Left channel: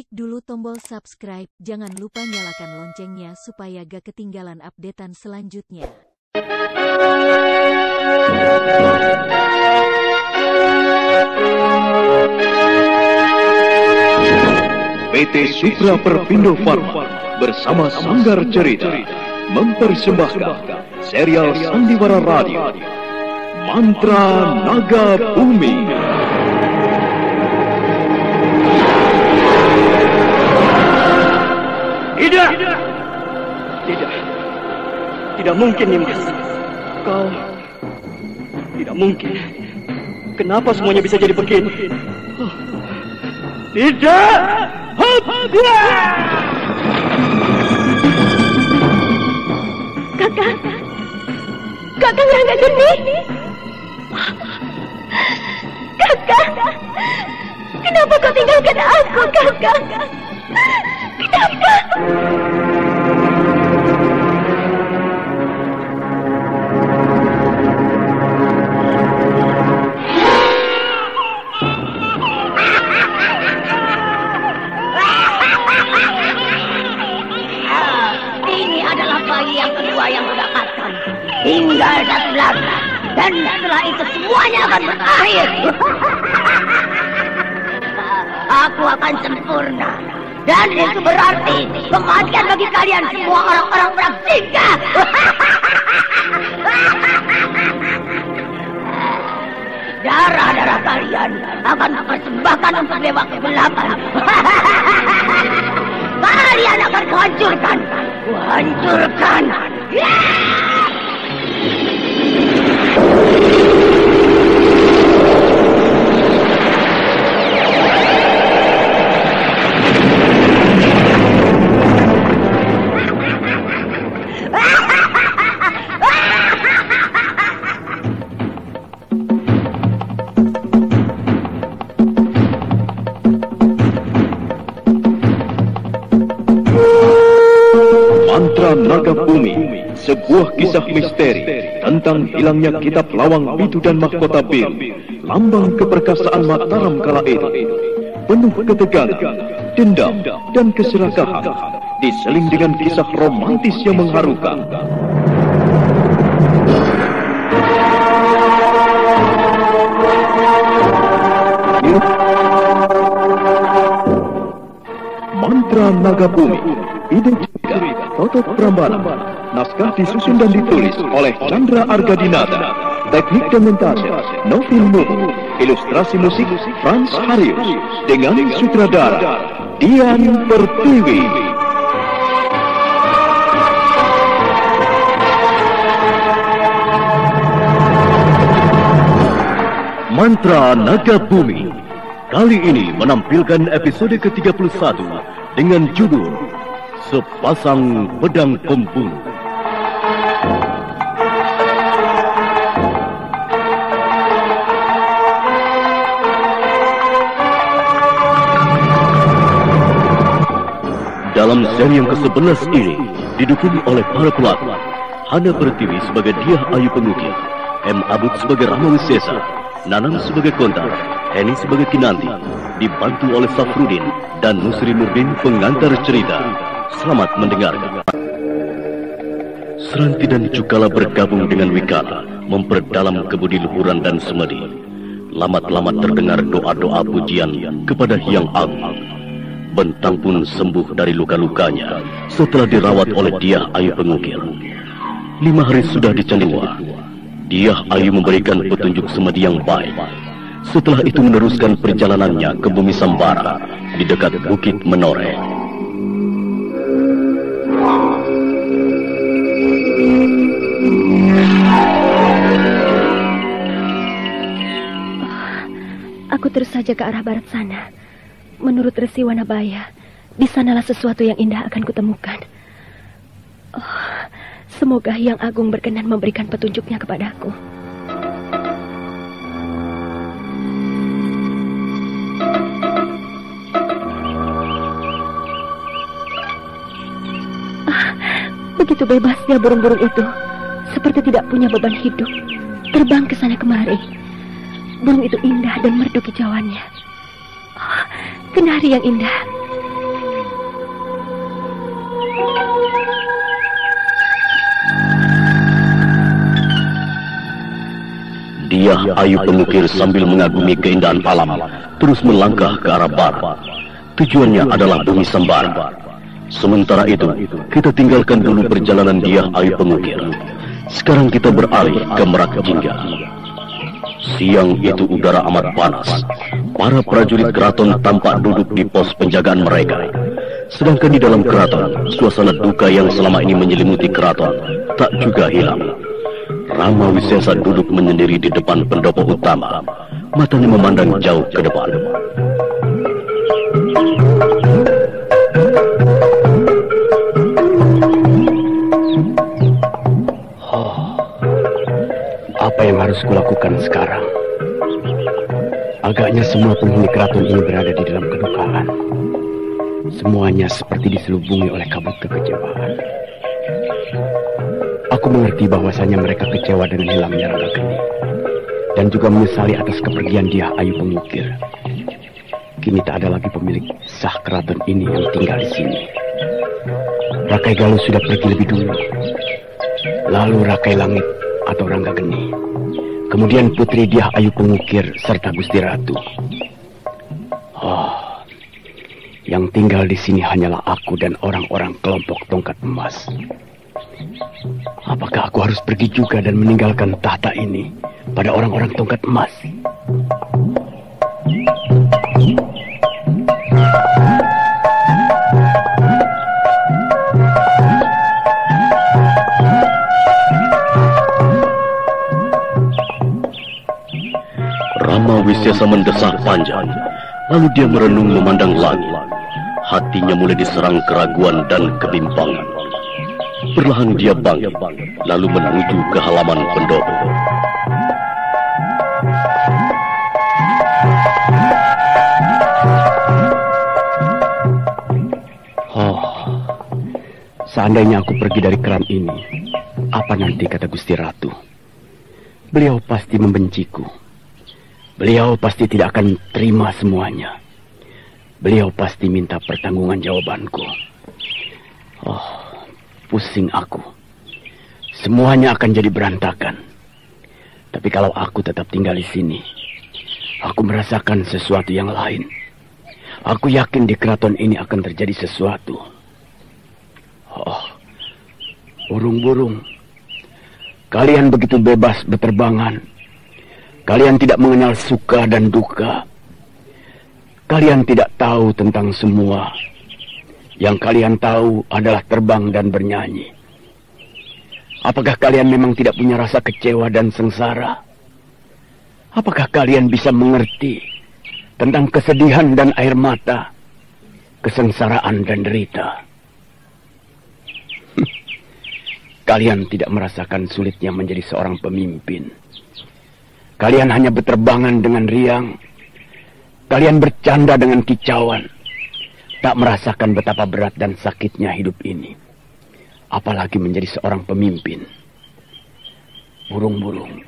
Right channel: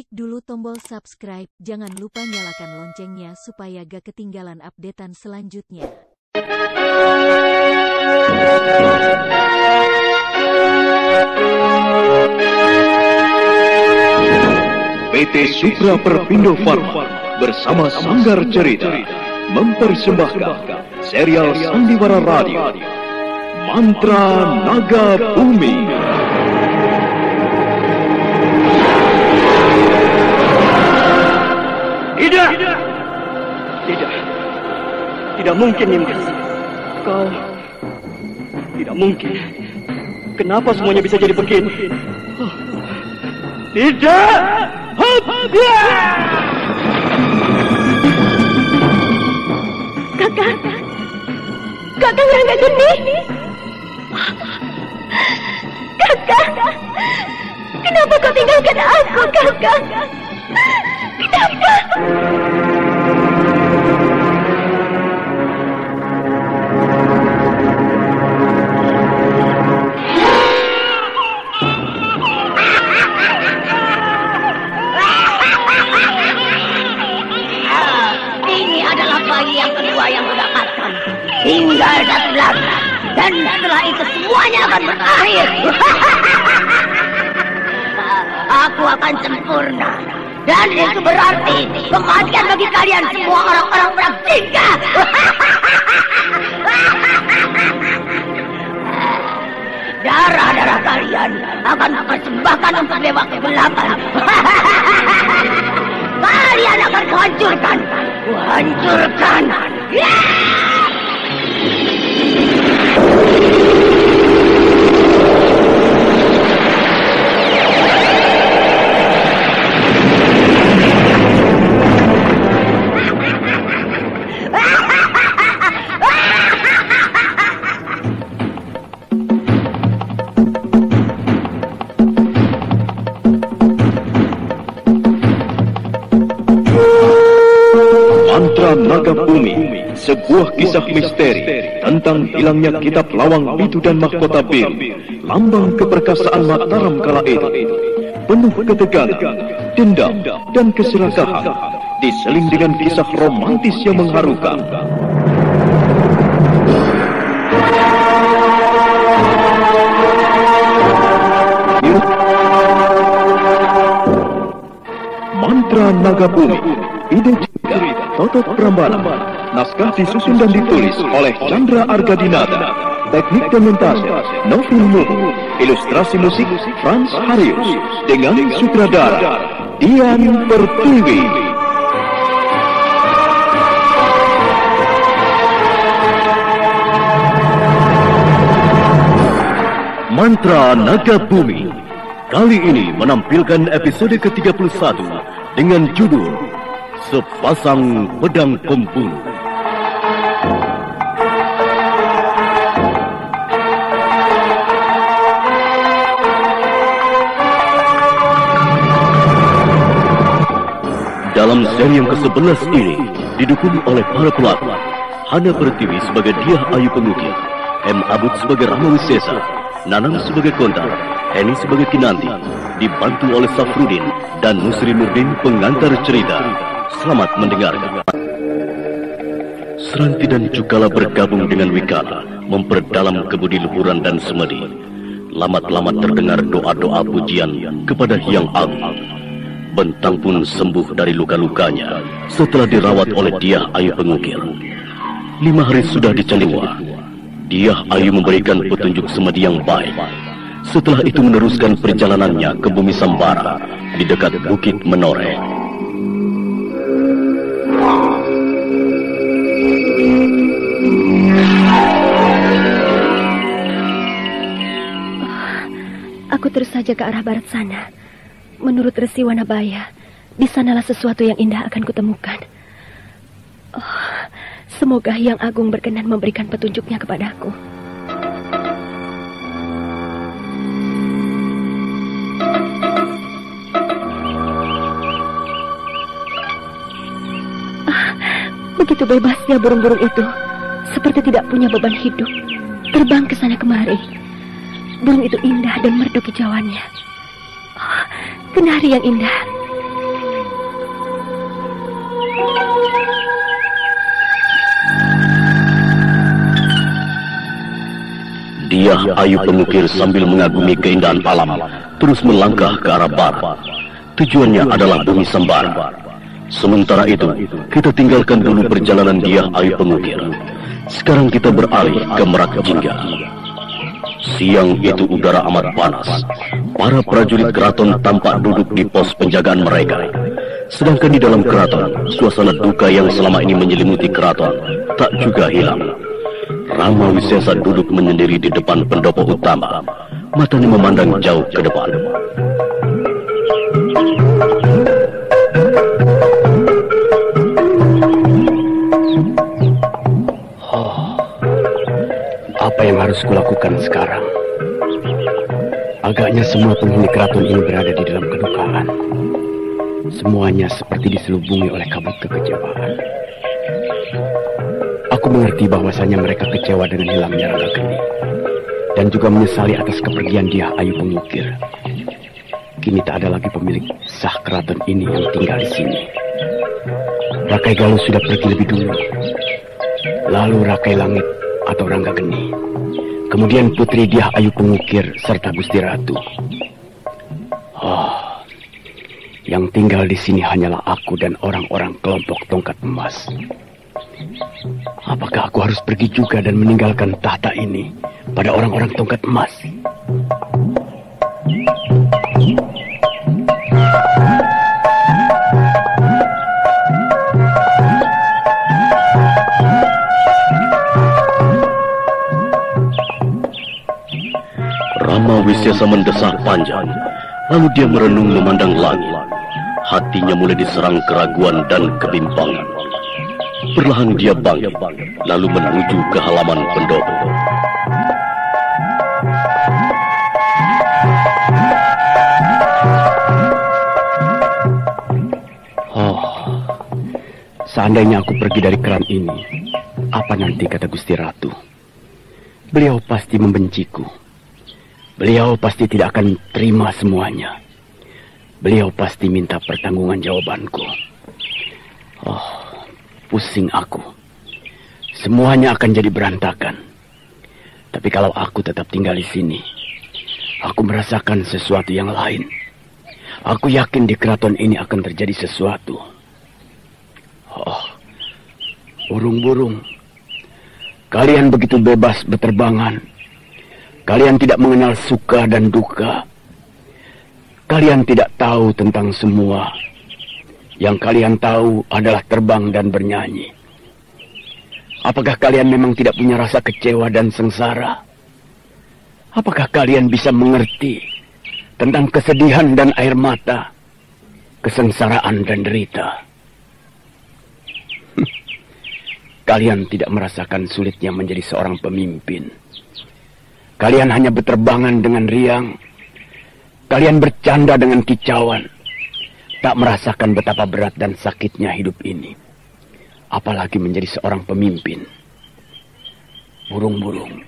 Klik dulu tombol subscribe, jangan lupa nyalakan loncengnya supaya gak ketinggalan updatean selanjutnya. PT Supra Perpindo Pharma bersama Sanggar Cerita mempersembahkan serial Sandiwara Radio Mantra Naga Bumi. Tidak mungkin, Nimas. Kau tidak mungkin. Kenapa semuanya bisa jadi begini? Tidak. Kakak Rangga Geni. Kakak, kenapa kau tinggalkan aku, Kakak? Kenapa? Tinggal satu langkah, dan setelah itu semuanya akan berakhir. Aku akan sempurna, dan itu berarti kematian bagi kalian semua orang-orang Praksika. Darah-darah kalian akan kupersembahkan untuk dewa kegelapan. Kalian akan kuhancurkan. Mantra Naga Bumi, sebuah kisah misteri tentang hilangnya kitab Lawang Bidu dan Mahkota Biru, lambang keperkasaan Mataram kala itu. Penuh ketegangan, dendam, dan keserakahan, diseling dengan kisah romantis yang mengharukan. Mantra Naga Bumi, ide cerita Totot Prambanan, naskah disusun dan ditulis oleh Chandra Argadinata, teknik dan montase Novin Nuhu, ilustrasi musik Frans Harius, dengan sutradara Dian Pertiwi. Mantra Naga Bumi kali ini menampilkan episode ke-31 dengan judul Sepasang Pedang Pembunuh. Dalam seri yang ke-11 ini didukung oleh para pelakon Hana Pertiwi sebagai Diah Ayu Pengukir, M. Abud sebagai Rama Wisesa, Nanang sebagai Konta, Eni sebagai Kinanti, dibantu oleh Safrudin dan Nusri Nurdin pengantar cerita. Selamat mendengarkan. Seranti dan Cukala bergabung dengan Wikala, memperdalam kebudi luhuran dan semedi. Lamat-lamat terdengar doa-doa pujian kepada Hyang Agung. Bentang pun sembuh dari luka-lukanya setelah dirawat oleh Diah Ayu Pengukir. 5 hari sudah di Caliwa, Diah Ayu memberikan petunjuk semedi yang baik. Setelah itu meneruskan perjalanannya ke bumi Sambara di dekat Bukit Menoreh. Aku terus saja ke arah barat sana. Menurut Resi Wanabaya, di sanalah sesuatu yang indah akan kutemukan. Semoga Hyang Agung berkenan memberikan petunjuknya kepadaku. Begitu bebasnya burung-burung itu, seperti tidak punya beban hidup, terbang ke sana kemari. Burung itu indah dan merdu kicauannya. Kenari yang indah, Dia Ayu Pengukir sambil mengagumi keindahan alam terus melangkah ke arah barat. Tujuannya adalah bumi Sembara. Sementara itu, kita tinggalkan dulu perjalanan Dia Ayu Pengukir. Sekarang kita beralih ke Merak Jingga. Siang itu udara amat panas. Para prajurit keraton tampak duduk di pos penjagaan mereka. Sedangkan di dalam keraton, suasana duka yang selama ini menyelimuti keraton tak juga hilang. Rama Wisesa duduk menyendiri di depan pendopo utama. Matanya memandang jauh ke depan. Apa yang harus kulakukan sekarang? Agaknya semua penghuni keraton ini berada di dalam kedukaan. Semuanya seperti diselubungi oleh kabut kekecewaan. Aku mengerti bahwasanya mereka kecewa dengan hilangnya Ranggageni dan juga menyesali atas kepergian Dia Ayu Pengukir. Kini tak ada lagi pemilik sah keraton ini yang tinggal di sini. Rakai Galuh sudah pergi lebih dulu. Lalu Rakai Langit atau Ranggageni. Kemudian putri Dia Ayu Pengukir serta Gusti Ratu. Yang tinggal di sini hanyalah aku dan orang-orang kelompok tongkat emas. Apakah aku harus pergi juga dan meninggalkan tahta ini pada orang-orang tongkat emas? Rama Wisesa mendesak panjang, lalu dia merenung memandang langit. Hatinya mulai diserang keraguan dan kebimbangan. Perlahan dia bangkit, lalu menuju ke halaman pendopo. Seandainya aku pergi dari keran ini, apa nanti kata Gusti Ratu? Beliau pasti membenciku. Beliau pasti tidak akan terima semuanya. Beliau pasti minta pertanggungan jawabanku. Pusing aku. Semuanya akan jadi berantakan. Tapi kalau aku tetap tinggal di sini, aku merasakan sesuatu yang lain. Aku yakin di keraton ini akan terjadi sesuatu. Burung-burung, kalian begitu bebas berterbangan. Kalian tidak mengenal suka dan duka. Kalian tidak tahu tentang semua. Yang kalian tahu adalah terbang dan bernyanyi. Apakah kalian memang tidak punya rasa kecewa dan sengsara? Apakah kalian bisa mengerti tentang kesedihan dan air mata, kesengsaraan dan derita? Kalian tidak merasakan sulitnya menjadi seorang pemimpin. Kalian hanya berterbangan dengan riang. Kalian bercanda dengan kicauan. Tak merasakan betapa berat dan sakitnya hidup ini. Apalagi menjadi seorang pemimpin. Burung-burung,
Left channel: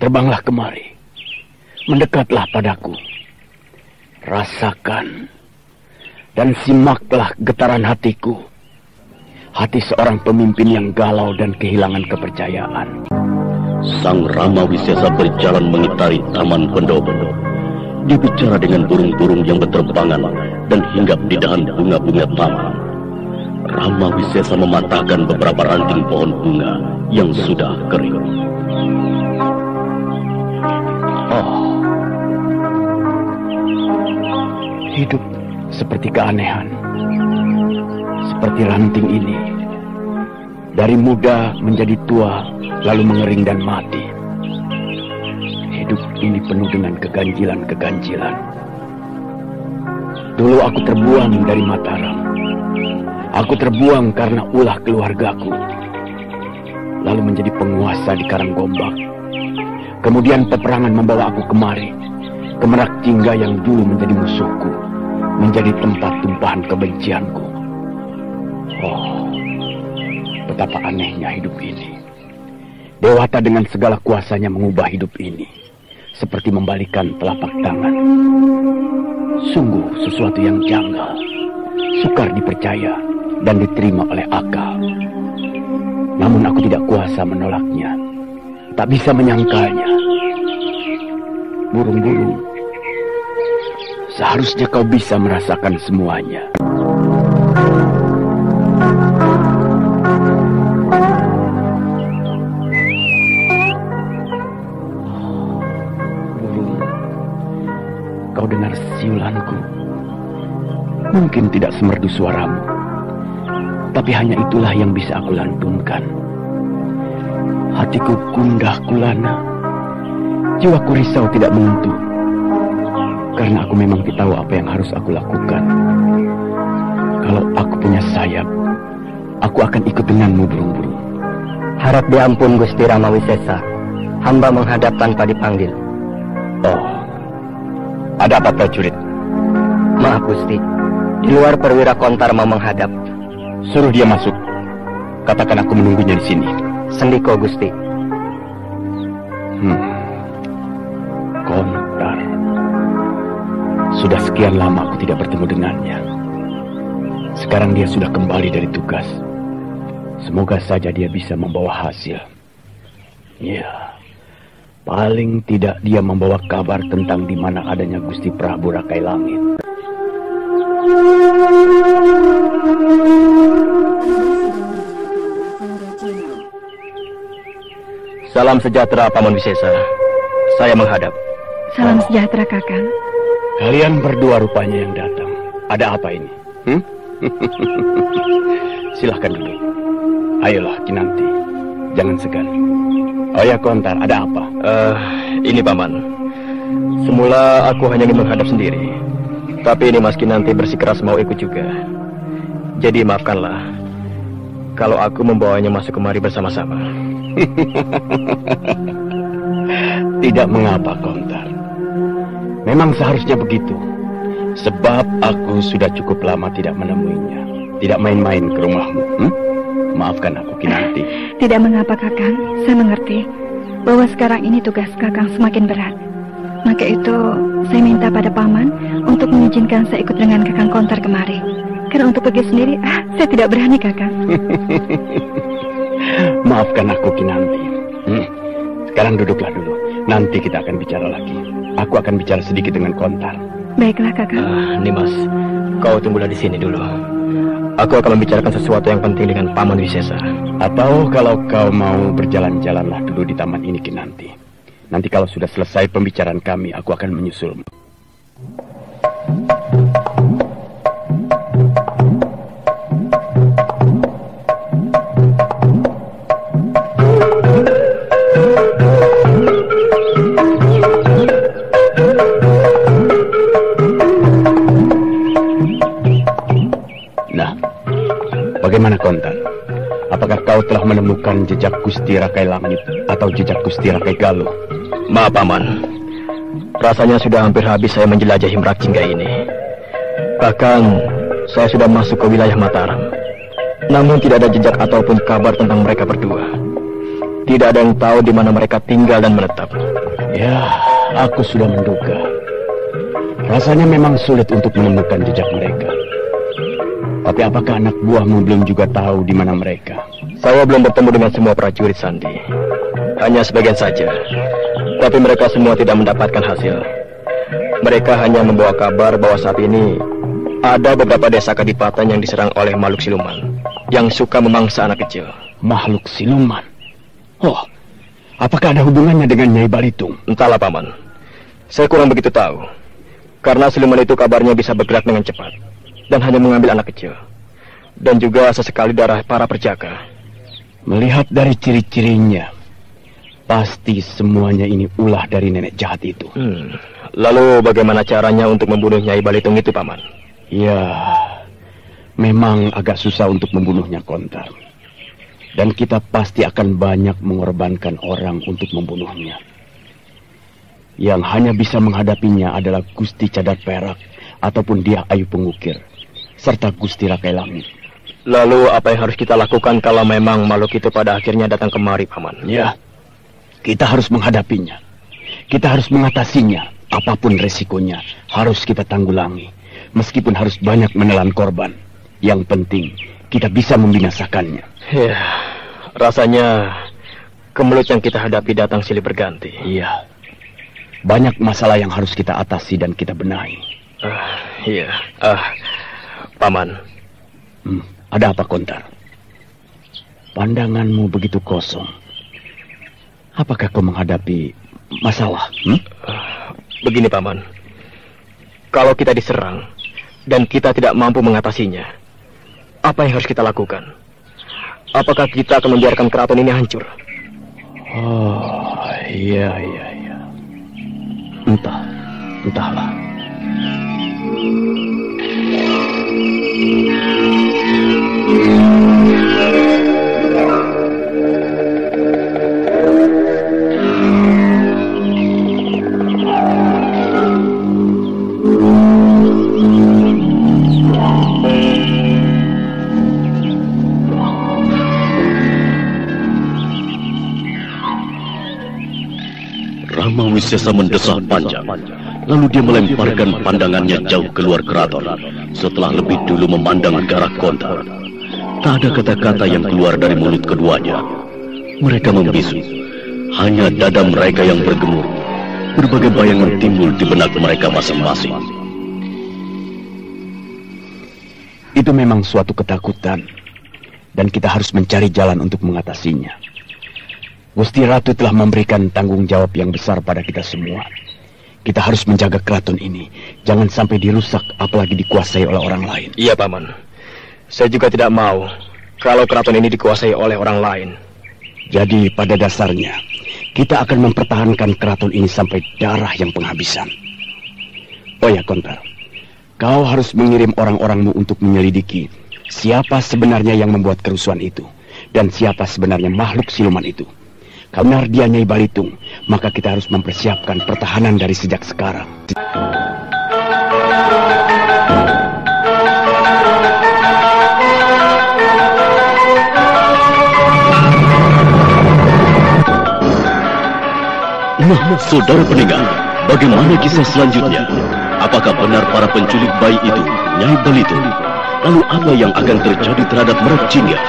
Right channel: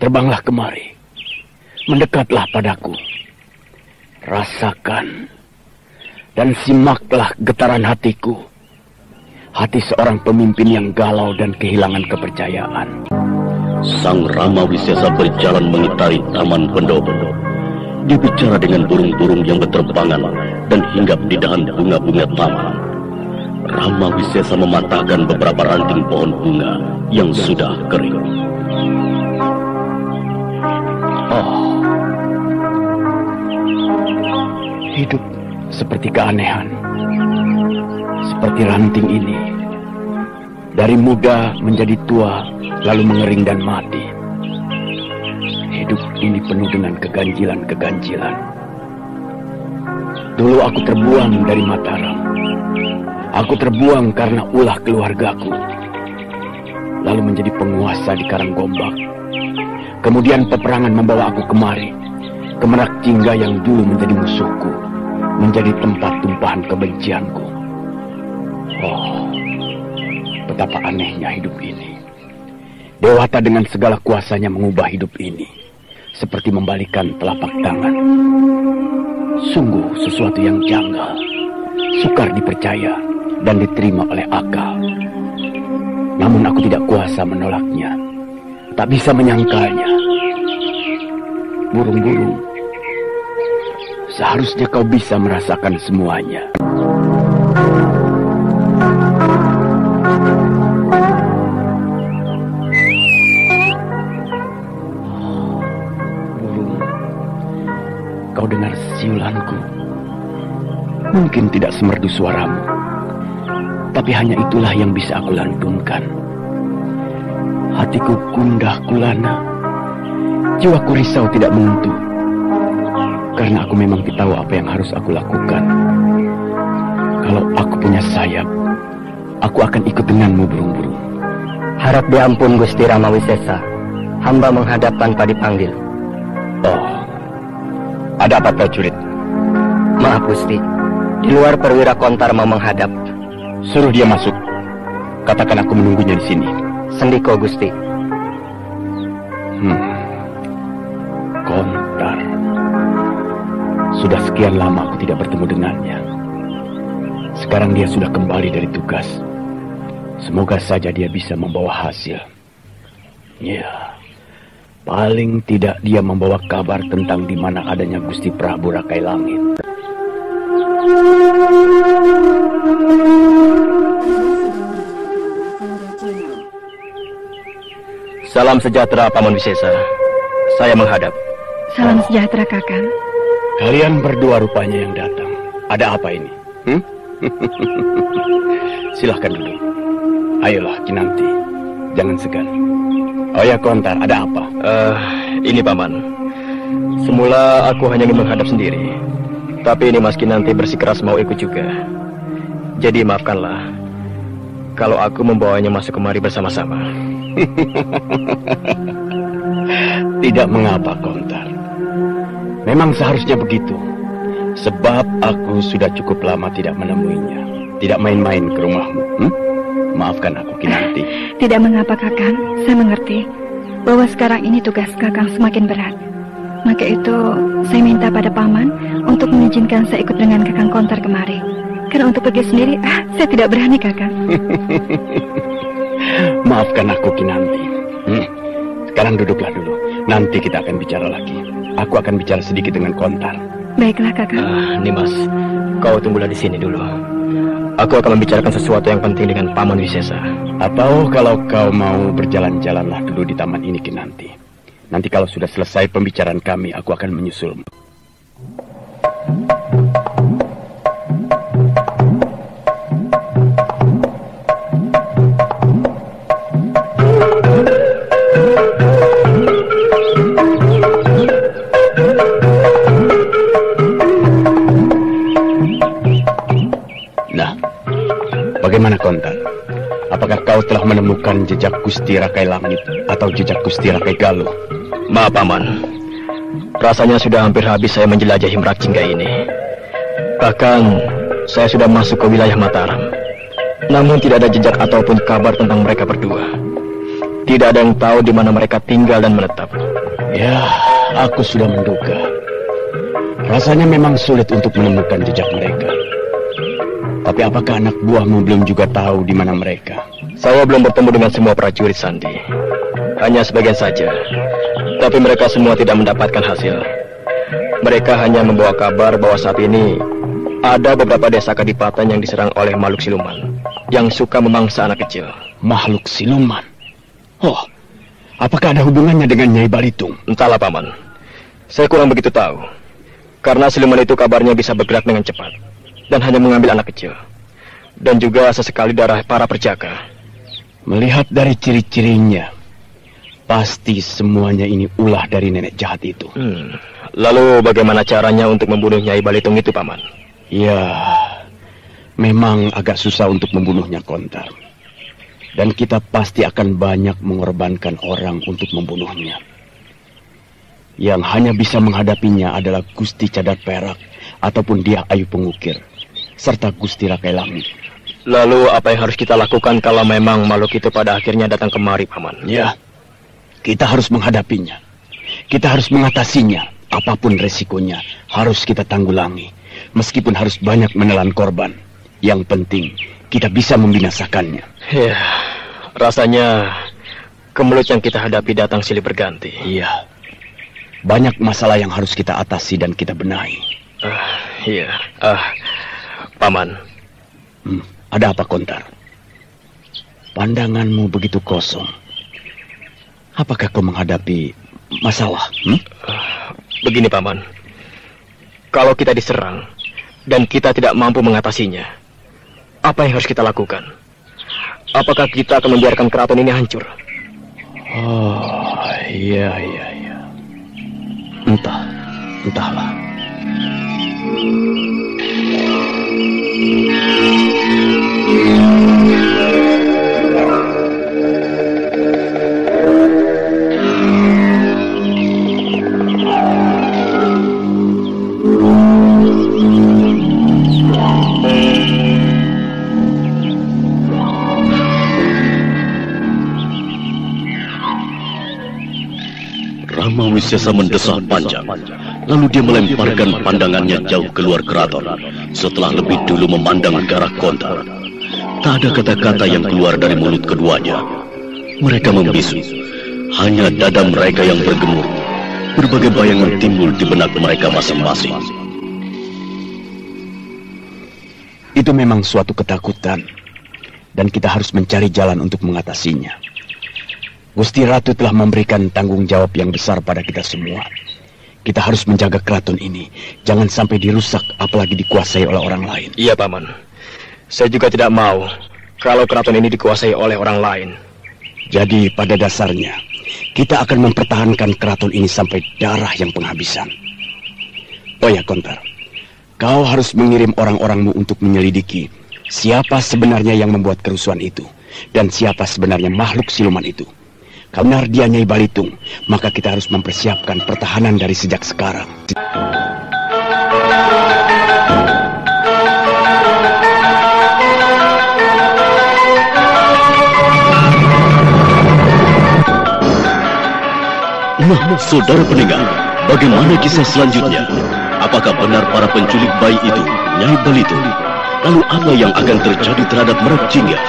terbanglah kemari. Mendekatlah padaku. Rasakan dan simaklah getaran hatiku. Hati seorang pemimpin yang galau dan kehilangan kepercayaan. Sang Rama Wisesa berjalan mengitari taman pendopo. Dia bicara dengan burung-burung yang berterbangan dan hinggap di dahan bunga-bunga taman. Rama Wisesa mematahkan beberapa ranting pohon bunga yang sudah kering. Hidup seperti keanehan. Seperti ranting ini. Dari muda menjadi tua, lalu mengering dan mati. Hidup ini penuh dengan keganjilan-keganjilan. Dulu aku terbuang dari Mataram. Aku terbuang karena ulah keluargaku. Lalu menjadi penguasa di Karanggombak. Kemudian peperangan membawa aku kemari. Ke Merak Jingga yang dulu menjadi musuhku. Menjadi tempat tumpahan kebencianku. Betapa anehnya hidup ini. Dewata dengan segala kuasanya mengubah hidup ini. Seperti membalikan telapak tangan. Sungguh sesuatu yang janggal. Sukar dipercaya. dan diterima oleh akal. Namun aku tidak kuasa menolaknya, tak bisa menyangkalnya. Burung-burung, seharusnya kau bisa merasakan semuanya. Burung, kau dengar siulanku. Mungkin tidak semerdu suaramu, tapi hanya itulah yang bisa aku lantunkan. Hatiku gundah gulana, jiwaku risau tidak menentu, karena aku memang tidak tahu apa yang harus aku lakukan. Kalau aku punya sayap, aku akan ikut denganmu, burung-burung. Harap diampun Gusti Rama Wisesa, hamba menghadap tanpa dipanggil. Oh, ada apa prajurit? Maaf Gusti, di luar perwira Kontar mau menghadap. Suruh dia masuk. Katakan aku menunggunya di sini. Sendiko Gusti. Kontar. Sudah sekian lama aku tidak bertemu dengannya. Sekarang dia sudah kembali dari tugas. Semoga saja dia bisa membawa hasil. Ya, paling tidak dia membawa kabar tentang di mana adanya Gusti Prabu Rakai Langit. Salam sejahtera Paman Wisesa. Saya menghadap. Salam sejahtera Kakang. Kalian berdua rupanya yang datang. Ada apa ini? Silahkan dulu. Ayolah Kinanti, jangan segan. Oh ya Kontar, ada apa? Ini Paman. Semula aku hanya ingin menghadap sendiri, tapi ini Mas Kinanti bersikeras mau ikut juga. Jadi maafkanlah kalau aku membawanya masuk kemari bersama-sama. Tidak mengapa Kontar. Memang seharusnya begitu. Sebab aku sudah cukup lama tidak menemuinya. Tidak main-main ke rumahmu. Maafkan aku Kinanti. Tidak mengapa Kakang, saya mengerti bahwa sekarang ini tugas Kakang semakin berat. Maka itu saya minta pada Paman untuk mengizinkan saya ikut dengan Kakang Kontar kemari. Karena untuk pergi sendiri, saya tidak berani Kakang. Maafkan aku Kinanti. Sekarang duduklah dulu. Nanti kita akan bicara lagi. Aku akan bicara sedikit dengan Kontar. Baiklah Kakang. Nimas, kau tunggulah di sini dulu. Aku akan membicarakan sesuatu yang penting dengan Paman Wisesa. Atau kalau kau mau berjalan-jalanlah dulu di taman ini Kinanti. Nanti kalau sudah selesai pembicaraan kami, aku akan menyusulmu. Bagaimana Kontar? Apakah kau telah menemukan jejak Gusti Rakai Langit atau jejak Gusti Rakai Galuh? Maaf Paman, rasanya sudah hampir habis saya menjelajahi Merakjingga ini. Bahkan saya sudah masuk ke wilayah Mataram, namun tidak ada jejak ataupun kabar tentang mereka berdua. Tidak ada yang tahu di mana mereka tinggal dan menetap. Ya, aku sudah menduga. Rasanya memang sulit untuk menemukan jejak mereka. Tapi apakah anak buahmu belum juga tahu di mana mereka? Saya belum bertemu dengan semua prajurit Sandi. Hanya sebagian saja. Tapi mereka semua tidak mendapatkan hasil. Mereka hanya membawa kabar bahwa saat ini ada beberapa desa kadipaten yang diserang oleh makhluk siluman yang suka memangsa anak kecil. Makhluk siluman? Oh, apakah ada hubungannya dengan Nyai Balitung? Entahlah Paman. Saya kurang begitu tahu. Karena siluman itu kabarnya bisa bergerak dengan cepat dan hanya mengambil anak kecil. Dan juga sesekali darah para perjaka. Melihat dari ciri-cirinya, pasti semuanya ini ulah dari nenek jahat itu. Lalu bagaimana caranya untuk membunuh Nyai Balitung itu, Paman? Ya, memang agak susah untuk membunuhnya, Kontar. Dan kita pasti akan banyak mengorbankan orang untuk membunuhnya. Yang hanya bisa menghadapinya adalah Gusti Cadar Perak ataupun Dia Ayu Pengukir, serta Gusti Rakai Langit. Lalu apa yang harus kita lakukan kalau memang makhluk itu pada akhirnya datang kemari, Paman? Ya, kita harus menghadapinya. Kita harus mengatasinya. Apapun resikonya, harus kita tanggulangi. Meskipun harus banyak menelan korban. Yang penting, kita bisa membinasakannya. Ya, rasanya kemelut yang kita hadapi datang silih berganti. Iya, banyak masalah yang harus kita atasi dan kita benahi. Iya, Paman. Ada apa, Kontar? Pandanganmu begitu kosong. Apakah kau menghadapi masalah? Begini, Paman. Kalau kita diserang dan kita tidak mampu mengatasinya, apa yang harus kita lakukan? Apakah kita akan membiarkan keraton ini hancur? Oh, iya. Entahlah. Rama Wisesa mendesah panjang, lalu dia melemparkan pandangannya jauh keluar keraton. Setelah lebih dulu memandang ke arah Kontar, tak ada kata-kata yang keluar dari mulut keduanya. Mereka membisu, hanya dada mereka yang bergemuruh. Berbagai bayangan timbul di benak mereka masing-masing. Itu memang suatu ketakutan, dan kita harus mencari jalan untuk mengatasinya. Gusti Ratu telah memberikan tanggung jawab yang besar pada kita semua. Kita harus menjaga keraton ini, jangan sampai dirusak apalagi dikuasai oleh orang lain. Iya, Paman. Saya juga tidak mau kalau keraton ini dikuasai oleh orang lain. Jadi pada dasarnya, kita akan mempertahankan keraton ini sampai darah yang penghabisan. Oh ya, Kontar, kau harus mengirim orang-orangmu untuk menyelidiki siapa sebenarnya yang membuat kerusuhan itu, dan siapa sebenarnya makhluk siluman itu. Karena dia Nyai Balitung, maka kita harus mempersiapkan pertahanan dari sejak sekarang. Nah, saudara pendengar, bagaimana kisah selanjutnya? Apakah benar para penculik bayi itu Nyai Balitung? Lalu apa yang akan terjadi terhadap Merak Jingga?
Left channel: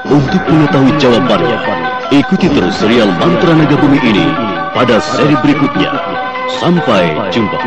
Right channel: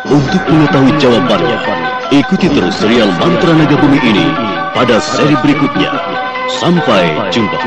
Untuk mengetahui jawabannya, ikuti terus serial Mantra Naga Bumi ini pada seri berikutnya. Sampai jumpa.